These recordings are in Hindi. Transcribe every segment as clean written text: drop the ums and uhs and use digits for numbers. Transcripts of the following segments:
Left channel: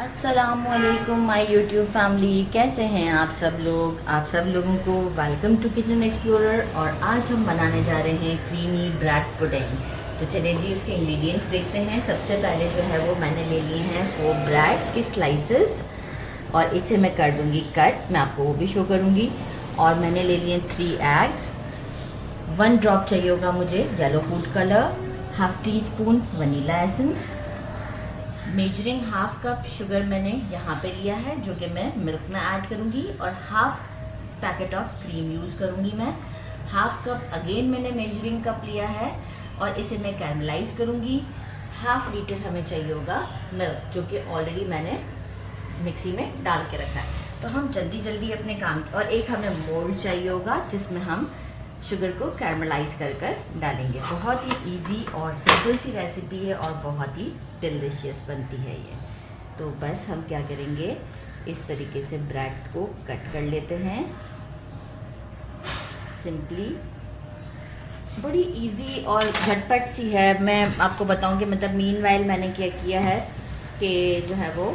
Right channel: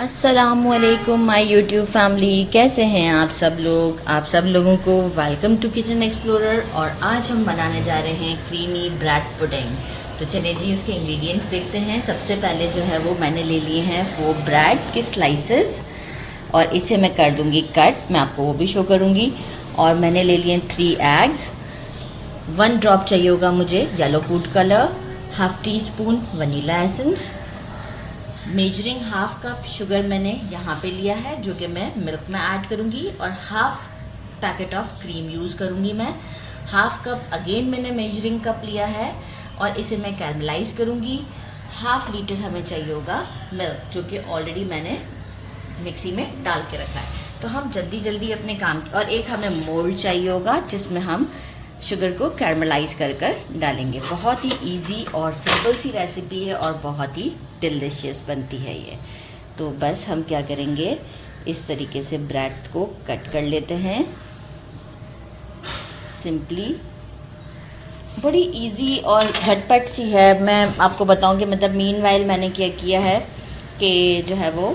अस्सलामुअलैकुम माय यूट्यूब फैमिली, कैसे हैं आप सब लोग। आप सब लोगों को वेलकम टू किचन एक्सप्लोरर। और आज हम बनाने जा रहे हैं क्रीमी ब्रेड पुडिंग। तो चलिए जी, उसके इंग्रेडिएंट्स देखते हैं। सबसे पहले जो है वो मैंने ले लिए हैं 4 ब्रेड के स्लाइसेस और इसे मैं कर दूंगी कट, मैं आपको वो भी शो करूंगी। और मैंने ले लिए 3 एग्स, 1 ड्रॉप चाहिए होगा मुझे yellow food colour, half tea spoon vanilla essence, measuring half cup sugar मैंने यहाँ पे लिया है जो कि मैं मिल्क में ऐड करूँगी, और half packet of cream use करूँगी मैं। हाफ कप अगेन मैंने मेजरिंग कप लिया है और इसे मैं कैरमलाइज करूँगी। हाफ लीटर हमें चाहिए होगा मिल्क जो कि ऑलरेडी मैंने मिक्सी में डाल के रखा है। तो हम जल्दी जल्दी अपने काम, और एक हमें मोल्ड चाहिए होगा जिसमें हम शुगर को कैरमलाइज कर कर डालेंगे। बहुत ही इजी और सिंपल सी रेसिपी है और बहुत ही डिलीशियस बनती है ये। तो बस हम क्या करेंगे, इस तरीके से ब्रेड को कट कर लेते हैं सिंपली। बड़ी इजी और झटपट सी है। मैं आपको बताऊं कि मतलब मीनवाइल मैंने क्या किया है कि जो है वो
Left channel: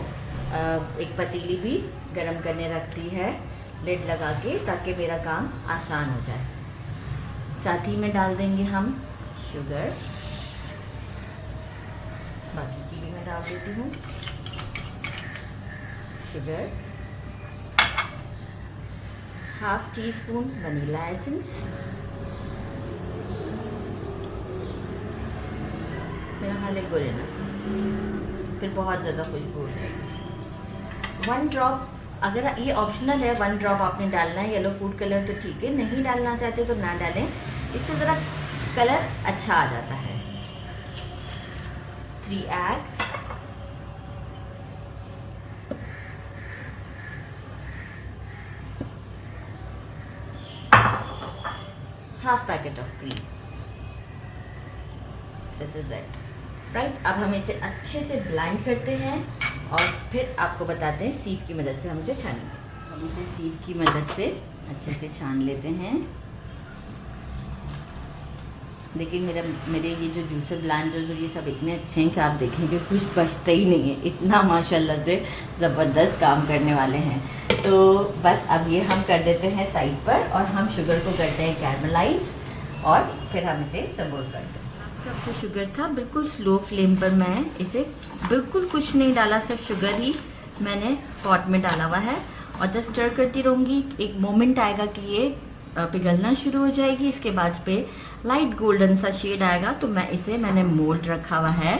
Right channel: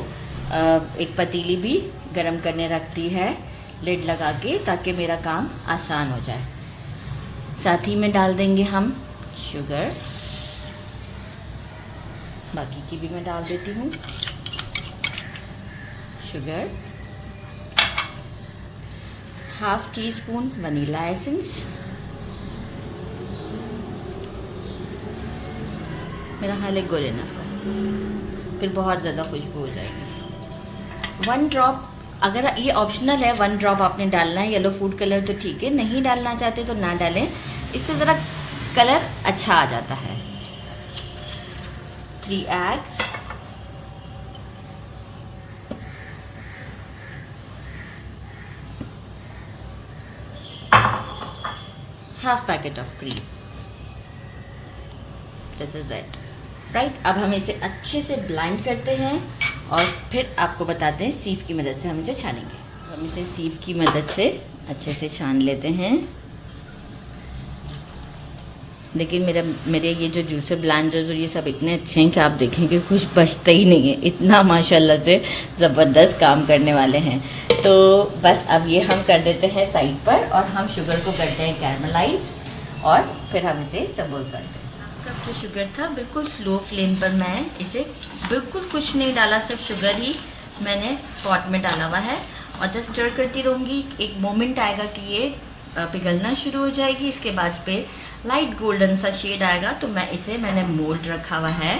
एक पतीली भी गरम करने रखती है लिड लगा के, ताकि मेरा काम आसान हो जाए। साथ ही में डाल देंगे हम शुगर, बाकी की भी मैं डाल देती हूँ sugar, half tea spoon vanilla essence, मेरा ख्याल है गुड इनफ, फिर बहुत ज़्यादा खुशबू हो जाएगी। 1 ड्रॉप, अगर ये ऑप्शनल है, 1 ड्रॉप आपने डालना है येलो फूड कलर तो ठीक है, नहीं डालना चाहते तो ना डालें, इससे ज़रा कलर अच्छा आ जाता है। 3 eggs, half packet of cream, this is it right. अब हम इसे अच्छे से ब्लेंड करते हैं और फिर आपको बताते हैं सीव की मदद से हम इसे छानेंगे। हम इसे सीव की मदद से अच्छे से छान लेते हैं। लेकिन मेरे ये जो जूसर ब्लेंडर्स और ये सब इतने अच्छे हैं कि आप देखेंगे कुछ बचता ही नहीं है, इतना माशाल्लाह से ज़बरदस्त काम करने वाले हैं। तो बस अब ये हम कर देते हैं साइड पर और हम शुगर को करते हैं कैरमलाइज और फिर हम इसे सबोल करते हैं। कब जो शुगर था बिल्कुल स्लो फ्लेम पर मैं इसे बिल्कुल कुछ नहीं डाला, सब शुगर ही मैंने पॉट में डाला हुआ है और जस्ट स्टर करती रहूँगी। एक मोमेंट आएगा कि ये पिघलना शुरू हो जाएगी, इसके बाद पे लाइट गोल्डन सा शेड आएगा तो मैंने मोल्ड रखा हुआ है।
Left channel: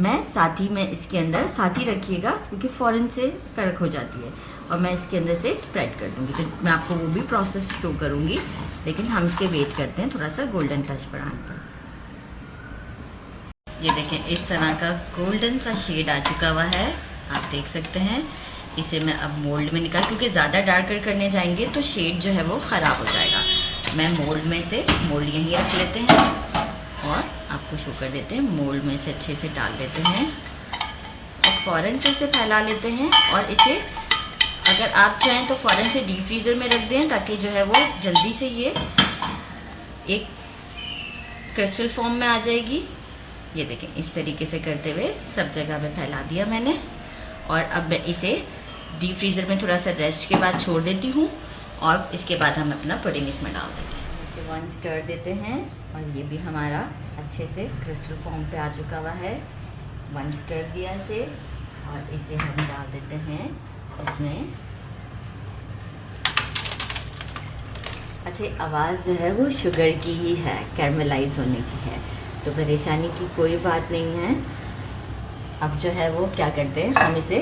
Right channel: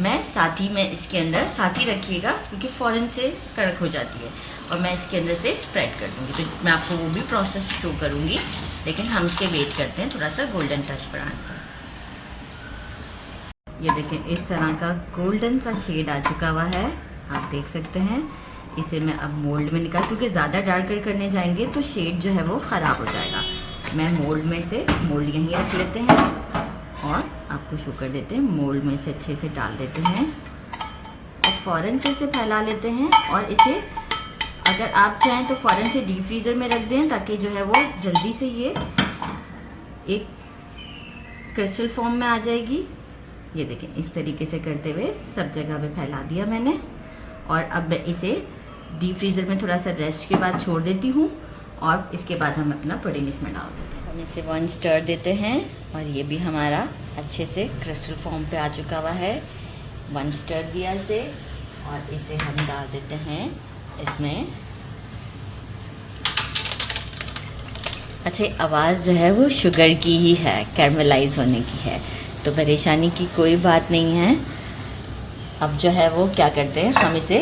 मैं साथ ही में इसके अंदर साथ ही रखिएगा क्योंकि फ़ौरन से कड़क हो जाती है, और मैं इसके अंदर से स्प्रेड कर दूँगी। तो मैं आपको वो भी प्रोसेस शो करूँगी, लेकिन हम इसके वेट करते हैं थोड़ा सा गोल्डन टच बढ़ाने पर। ये देखें इस तरह का गोल्डन सा शेड आ चुका हुआ है, आप देख सकते हैं। इसे मैं अब मोल्ड में निकाल, क्योंकि ज़्यादा डार्कर करने जाएंगे तो शेड जो है वो ख़राब हो जाएगा। मैं मोल्ड में से मोल्ड यहीं रख लेते हैं और आपको शो कर देते हैं। मोल्ड में से अच्छे से डाल देते हैं और फ़ौरन से इसे फैला लेते हैं। और इसे अगर आप चाहें तो फ़ौरन से डीप फ्रीज़र में रख दें ताकि जो है वो जल्दी से ये एक क्रिस्टल फॉर्म में आ जाएगी। ये देखें इस तरीके से करते हुए सब जगह पे फैला दिया मैंने। और अब मैं इसे डीप फ्रीज़र में थोड़ा सा रेस्ट के बाद छोड़ देती हूँ और इसके बाद हम अपना पुडिंग इसमें डाल देते हैं। हम इसे 1 स्टर देते हैं और ये भी हमारा अच्छे से क्रिस्टल फॉर्म पे आ चुका हुआ है। 1 स्टर दिया इसे और इसे हम डाल देते हैं इसमें। अच्छा, आवाज़ जो है वो शुगर की ही है, कैरमलाइज होने की है, तो परेशानी की कोई बात नहीं है। अब जो है वो क्या करते हैं, हम इसे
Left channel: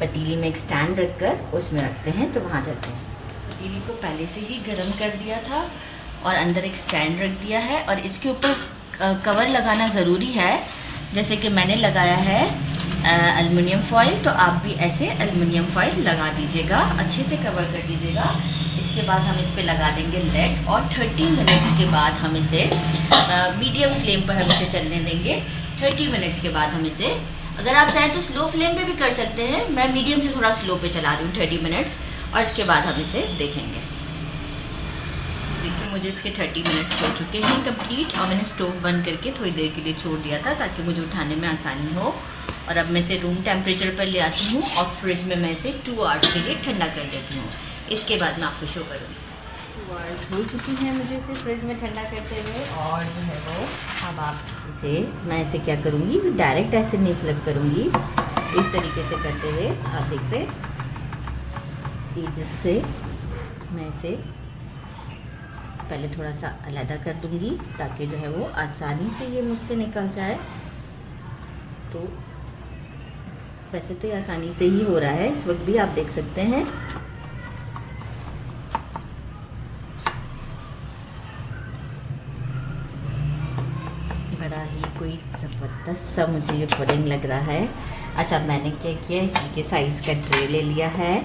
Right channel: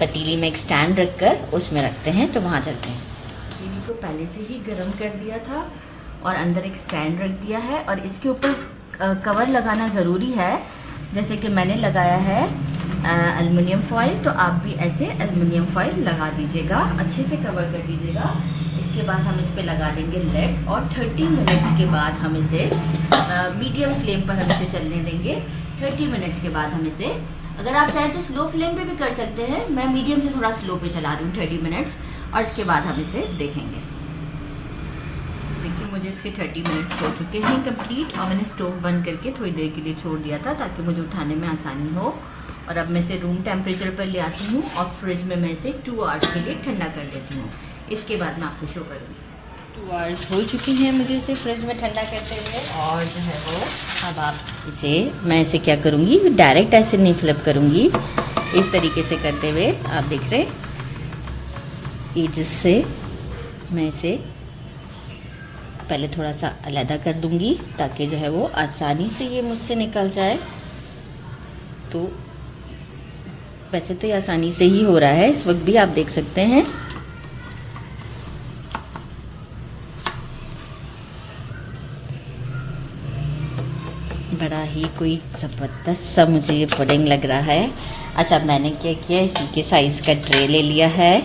पतीली में एक स्टैंड रखकर उसमें रखते हैं। तो वहाँ चलते हैं। पतीली को पहले से ही गर्म कर दिया था और अंदर एक स्टैंड रख दिया है और इसके ऊपर कवर लगाना ज़रूरी है। जैसे कि मैंने लगाया है एल्युमिनियम फॉइल, तो आप भी ऐसे एल्युमिनियम फॉइल लगा दीजिएगा, अच्छे से कवर कर दीजिएगा। इसके बाद हम इस पे लगा देंगे लेड और 30 मिनट्स के बाद हम इसे मीडियम फ्लेम पर हम इसे चलने देंगे। 30 मिनट्स के बाद हम इसे, अगर आप चाहें तो स्लो फ्लेम पे भी कर सकते हैं, मैं मीडियम से थोड़ा स्लो पे चला रही हूँ 30 मिनट्स, और इसके बाद हम इसे देखेंगे। देखिए मुझे इसके 30 मिनट्स हो चुके हैं कंप्लीट, और मैंने स्टोव बंद करके थोड़ी देर के लिए छोड़ दिया था ताकि मुझे उठाने में आसानी हो। और अब मैं इसे रूम टेम्परेचर पर ले आती हूँ और फ्रिज में मैं इसे 2 आवर्स के लिए ठंडा कर देती हूँ। इसके बाद मैं आपको शो करूँगी। 2 आवर्स हो चुकी हैं मुझे इसे फ्रिज में ठंडा करते हुए, और जो है वो अब आप इसे, मैं इसे क्या करूँगी, डायरेक्ट ऐसे नहीं फ्लिप करूँगी, इस तरीके से करते हुए आप देख रहे एजेस से मैं इसे पहले थोड़ा सा अलग कर दूँगी ताकि जो है वो आसानी से ये मुझसे निकल जाए। तो वैसे तो ये आसानी से ही हो रहा है, इस वक्त भी आप देख सकते हैं। बड़ा ही कोई ज़बरदस्त सा मुझे ये पुडिंग लग रहा है। अच्छा, मैंने क्या किया, इसी के साइज़ का ट्रे ले लिया है।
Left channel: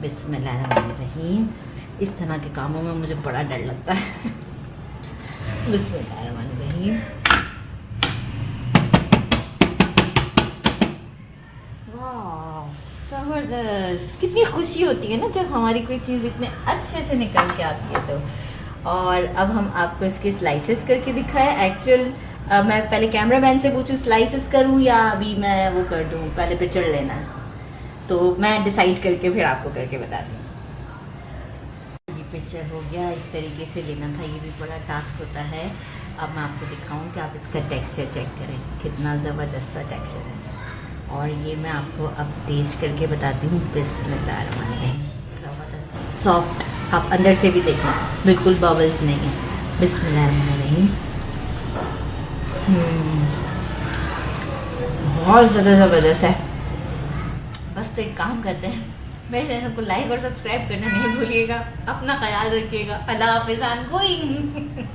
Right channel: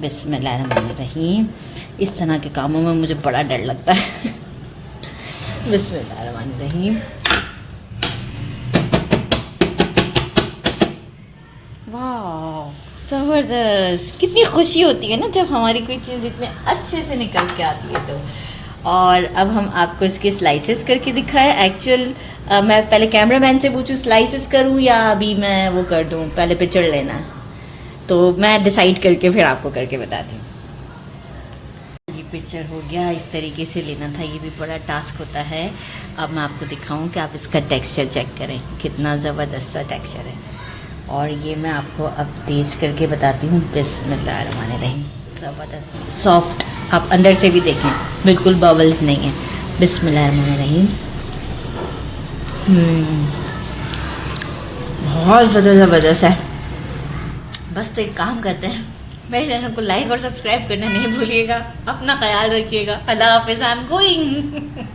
बिस्मिल्लाहिर्रहमानिर्रहीम। इस तरह के कामों में मुझे बड़ा डर लगता है। बिस्मिल्लाहिर्रहमानिर्रहीम। वाह, ज़बरदस्त। कितनी खुशी होती है ना जब हमारी कोई चीज़ इतने अच्छे से निकल के आती है। तो और अब हम आपको इसके स्लाइसेस करके दिखाएं। एक्चुअल मैं पहले कैमरामैन से पूछूं स्लाइसेस करूं या अभी मैं वो कर दूं, पहले पिक्चर लेना, तो मैं डिसाइड करके फिर आपको करके बताती हूँ। जी, पिक्चर हो गया। इस तरीके से लेना था, ये भी बड़ा टास्क होता है। अब मैं आपको दिखाऊं कि आप इसका टेक्सचर चेक करें, कितना ज़बरदस्त सा टेक्सचर है। और ये मैं आपको अब टेस्ट करके बताती हूँ। बिस्मिल्लाहिर्रहमानिर्रहीम। ज़बरदस्त सॉफ्ट, आप अंदर से भी देखें, बिल्कुल बबल्स नहीं है। बिस्मिल्लाहिर्रहमानिर्रहीम। बहुत ज़्यादा ज़बरदस्त है। बस तो एक काम करते हैं, मेरे चैनल को लाइक और सब्सक्राइब करना नहीं भूलिएगा। अपना ख्याल रखिएगा। अल्लाह हाफ़िज़। I am going.